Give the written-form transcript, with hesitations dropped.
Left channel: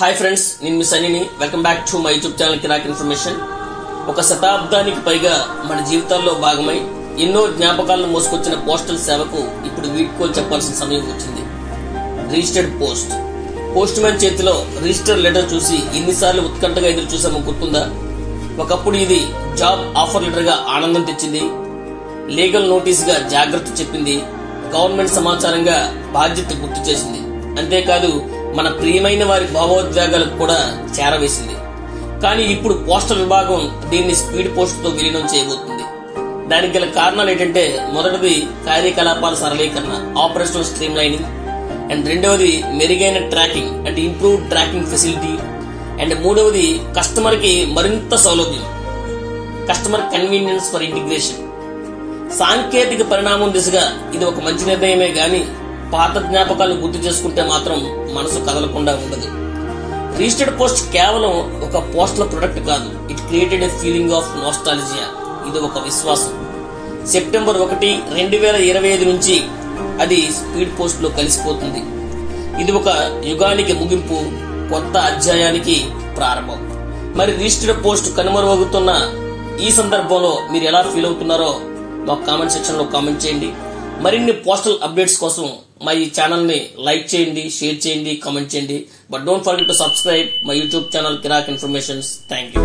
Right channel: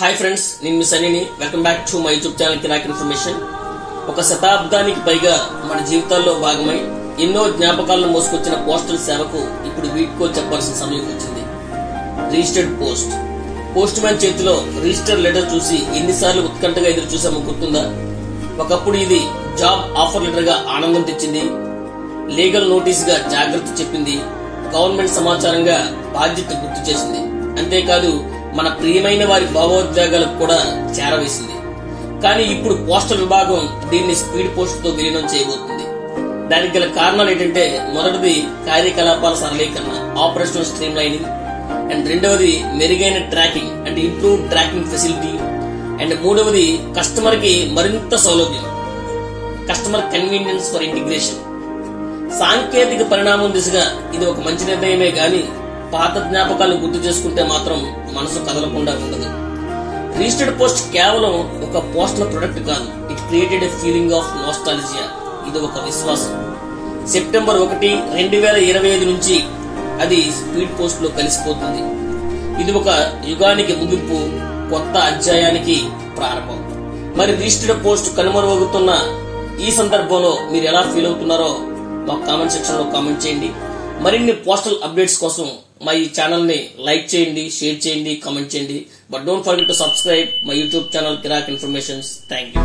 Hi friends, నేను మీ సన్నీని. Welcome back to my YouTube channel Kirak information. ఒక శతాబ్దానికి పైగా మన జీవితాల్లో భాగమై ఎన్నో జ్ఞాపకాలను మోసుకొచ్చిన పోస్టల్ సేవకు ఇప్పుడు వీడ్కోలు చెప్పాల్సిన సమయం వచ్చింది. రిజిస్టర్డ్ పోస్ట్ మ్యాన్ చేతిలో రిజిస్టర్ లెటర్ చూసి ఎన్నిసార్లు ఉత్కంఠగా ఎదురు చూసామో గుర్తుందా? ఒకప్పుడు ఇది జాబ్ ఆఫర్ లెటర్ గా ఆనందం తెచ్చింది, లీగల్ నోటీస్ గా జాగ్రత్త చెప్పింది, గవర్నమెంట్ సమాచారంగా బాధ్యత గుర్తు చేసింది. అంతేకాదు మన ప్రియమైన వారి భావోద్వేగాలకు కూడా చేరవేసింది. కానీ ఇప్పుడు పోస్టల్ విభాగం దీన్ని స్పీడ్ పోస్ట్ తో విలీనం చేయబోతుంది. దానికి గల కారణాలు ఏంటంటే, మొదటిది కార్యకలాపాల సరళీకరణ, ఆపరేషనల్ స్ట్రీమ్ లైనింగ్, అండ్ రెండవది మెరుగైన ట్రాకింగ్ అంటే ఇంప్రూవ్డ్ ట్రాకింగ్ ఫెసిలిటీ, అండ్ మూడవది కస్టమర్ కి మరింత సౌలభ్యం, కస్టమర్ కన్వీనియన్స్ ఫర్ ఇంటిగ్రేషన్. సాంకేతిక పరిణామం దిశగా ఇది ఒక మంచి నిర్ణయమే గాని పాత జ్ఞాపకాలను గుర్తు చేసుకుంటే మాత్రం మనసు కదలకుండా ఉండదు. రిజిస్టర్డ్ పోస్ట్ కేవలం ఒక పోస్టల్ ప్రొడక్ట్ కాదు, it created a feeling of nostalgia. ఇది ఒక విశ్వాసం. సెప్టెంబర్ 1, 2025 నుంచి అది స్పీడ్ పోస్ట్ లో కలిసిపోతుంది. ఇది ఒక యుగానికి ముగింపు, కొత్త అధ్యాయానికి ప్రారంభం. మరి రిజిస్టర్డ్ పోస్ట్ కనుమరుగవుతున్న ఈ సందర్భంలో మీరు ఎలా ఫీల్ అవుతున్నారో మా కామెంట్ సెక్షన్ లో కామెంట్ చేయండి. మరిన్ని పోస్టల్ అప్డేట్స్ కోసం మా ఈ ఛానల్ ని లైక్ చేయండి, షేర్ చేయండి, కామెంట్ చేయండి. But don't forget to subscribe my YouTube channel Kirak informations. Thank you.